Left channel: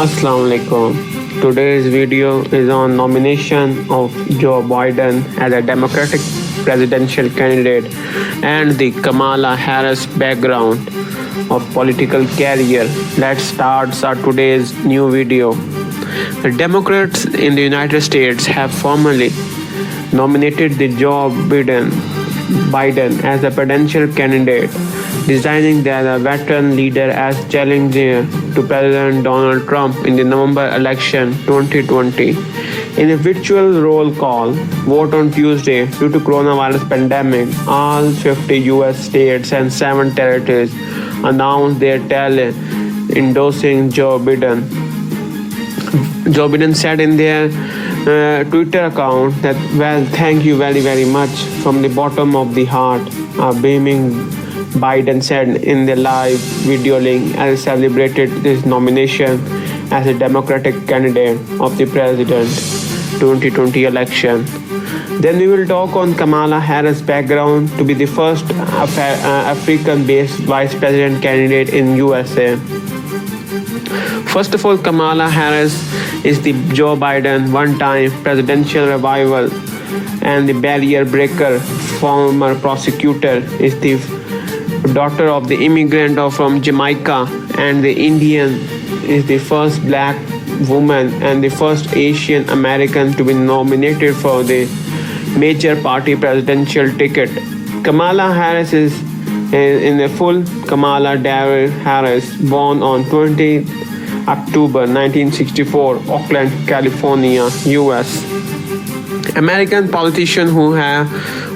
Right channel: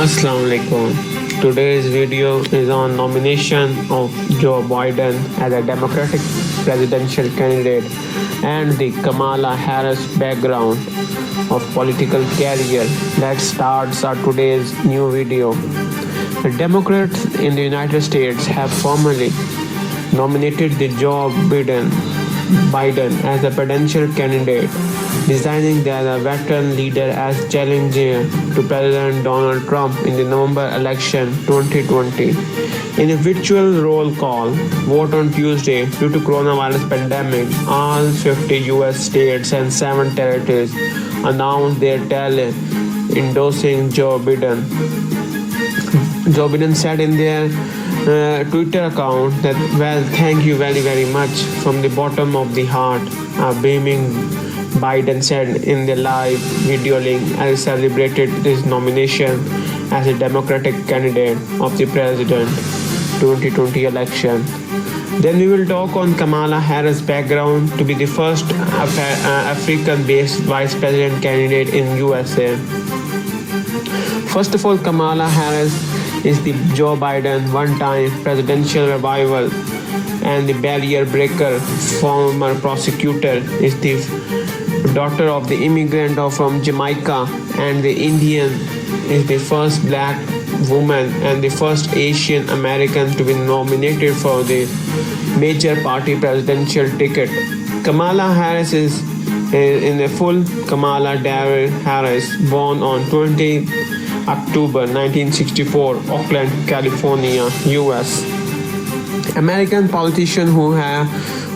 Assalamu alaikum. Today's video is on nomination of Joe Biden as a Democratic presidential candidate and the Kamala Harris background of political career. Let's start our today's new video. The Democrats in the United States have formally nominated the Joe Biden as a presidential candidate, designing their veteran leader as challenger to President Donald Trump in the November election 2020. In a virtual roll call vote on Tuesday, due to coronavirus pandemic, all 50 U.S. states and 7 territories announced their talent endorsing Joe Biden. Joe Biden said in their Twitter account that, well, thank you very much from the bottom of the heart. Beaming, Biden said in the live video link as celebrated this nomination as a Democratic candidate of the President 2020 election. Then we will talk on Kamala Harris' background to be the first African-based vice president candidate in USA. First of all, Kamala Harris is the Joe Biden one-time presidential revival and the barrier breaker. Former prosecutor is the daughter of the immigrant from Jamaica, and the Indian is the first black woman and the first Asian American to be nominated for the major party presidential ticket. Kamala Harris is in the full Kamala Darrell Harris, born on 20 October 1964, Oakland, California, US. American politician who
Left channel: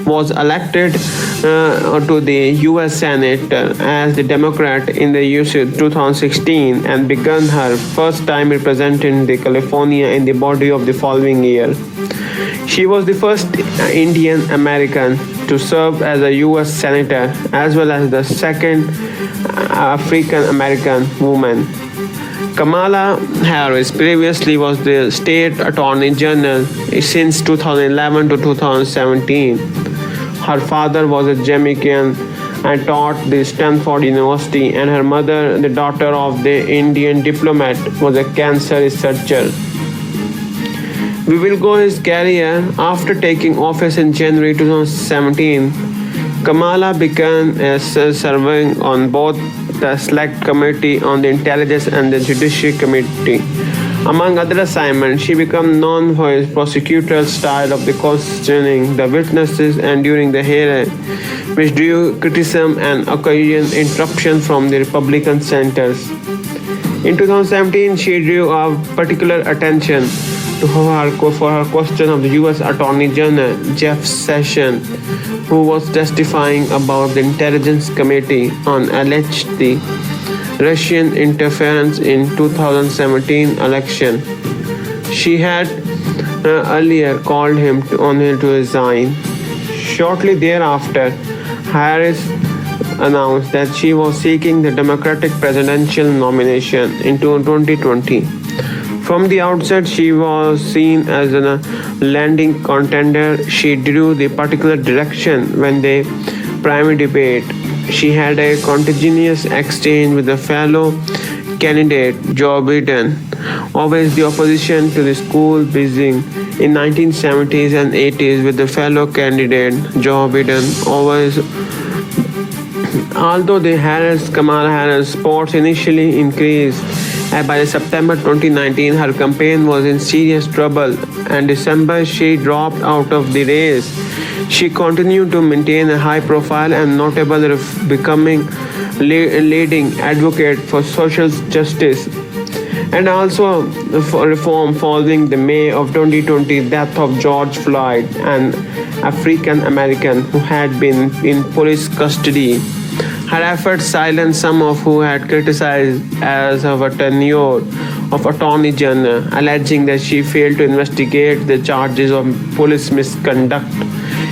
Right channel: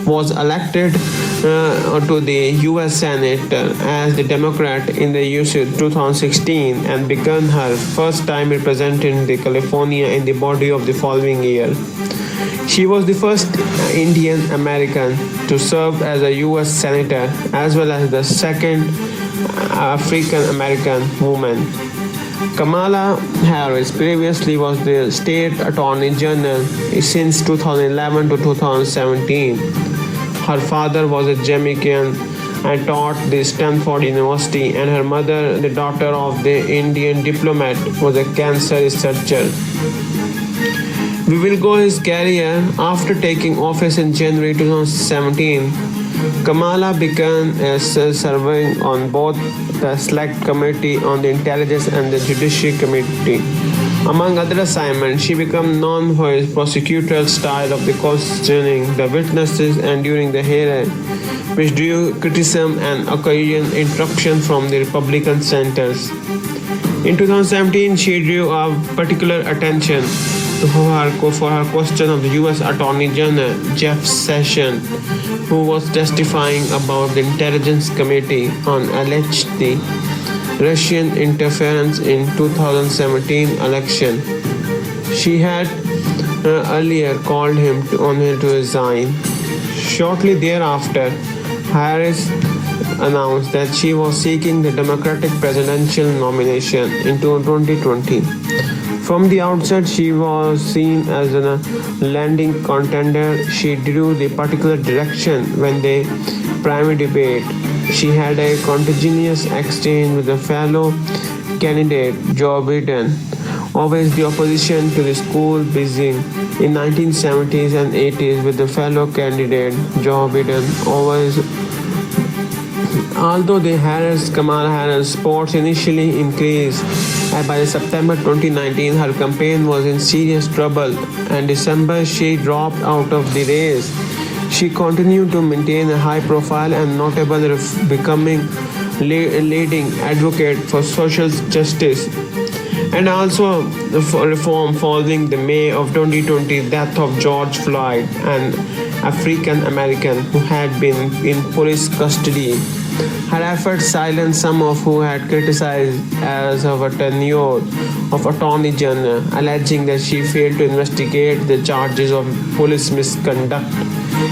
was elected to the U.S. Senate as the Democrat in the year 2016 and began her first time representing the California in the body of the following year. She was the first Indian American to serve as a U.S. Senator as well as the second African American woman. Kamala Harris previously was the state attorney general since 2011 to 2017. Her father was a Jamaican and taught the Stanford University, and her mother, the daughter of the Indian diplomat, was a cancer researcher. We will go his career. After taking office in January 2017, Kamala began serving on both the Select Committee on the Intelligence and the Judiciary Committee. Among other assignments, she became known for his prosecutorial style of the questioning the witnesses and during the hearing, which drew criticism and occasional interruption from the Republican senators. In 2017, she drew particular attention for her question of U.S. Attorney General Jeff Sessions, who was testifying about the Intelligence Committee on alleged Russian interference in 2017 election. She had earlier called on him to resign. Shortly thereafter, Harris announced that she was seeking the Democratic presidential nomination in 2020. From the outset, she was seen as a landing contender. She drew the particular direction when the primary debate. She had a continuous exchange with the fellow candidate Joe Biden, always the opposition to the school building in 1970s and 80s with the fellow candidate Joe Biden. Although the Kamala Harris supports initially increased, and by September 2019, her campaign was in serious trouble, and December she dropped out of the race. She continued to maintain a high profile and notable becoming leading advocate for social justice and also for reform following the May of 2020 death of George Floyd, an African American who had been in police custody. Her efforts silenced some of who had criticized as her tenure of Attorney General, alleging that she failed to investigate the charges of police misconduct,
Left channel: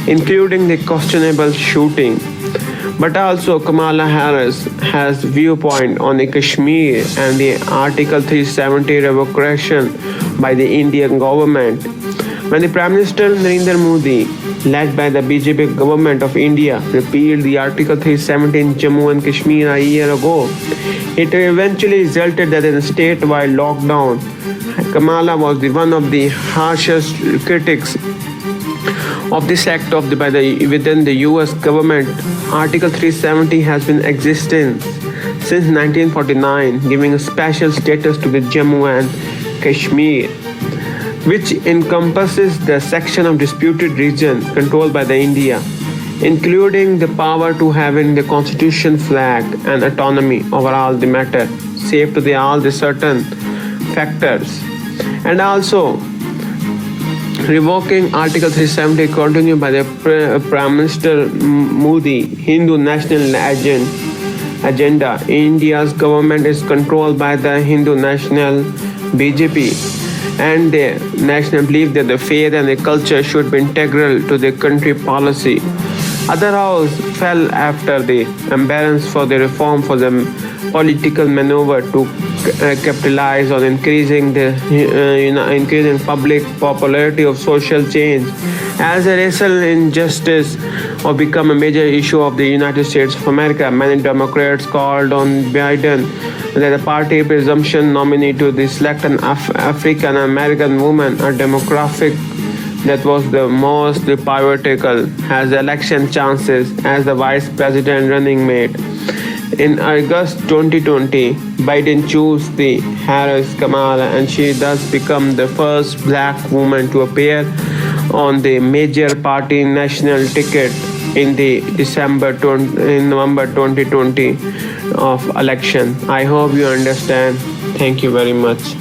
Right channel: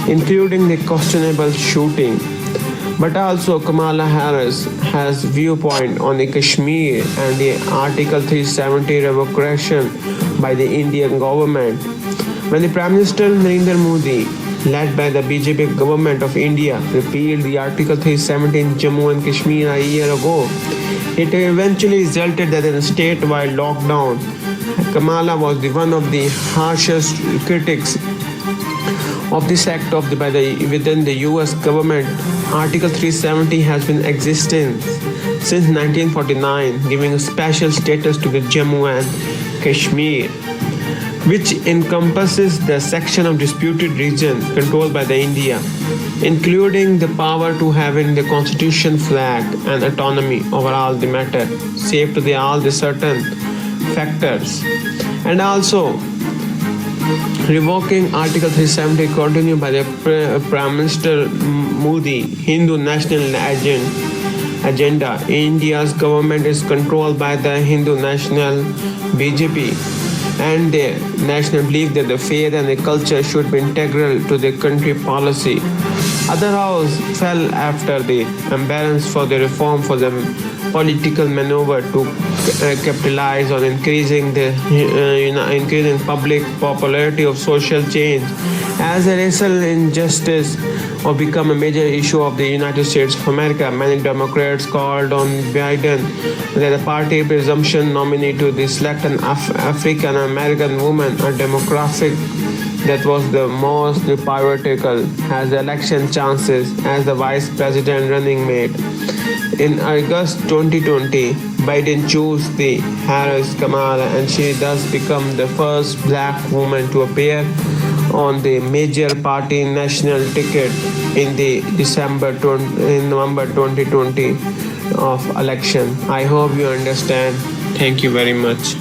including the questionable shooting. But also Kamala Harris has viewpoint on the Kashmir and the Article 370 revocation by the Indian government. When the Prime Minister Narendra Modi, led by the BJP government of India, repealed the Article 370 in Jammu and Kashmir a year ago, it eventually resulted that in a statewide lockdown. Kamala was one of the harshest critics of this act within the US government. Article 370 has been existing since 1949, giving a special status to the Jammu and Kashmir, which encompasses the section of disputed region controlled by the India, including the power to have in the constitution flag and autonomy over all the matter, save to all the certain factors. And also revoking Article 370 continued by the Prime Minister Modi Hindu national agenda. India's government is controlled by the Hindu national BJP, and the national belief that the faith and the culture should be integral to the country policy. Other house fell after the imbalance for the reform for the political maneuver to capitalize on increasing public popularity of social change. As a racial injustice or become a major issue of the United States of America, many Democrats called on Biden, that the party presumption nominee to select an African American woman, a demographic that was the most pivotal, has election chances as the vice president running mate. In August 2020, Biden chose the Harris Kamala, and she thus became the first black woman to appear on the major party national ticket in the November 2020 of election. I hope you understand. Thank you very much.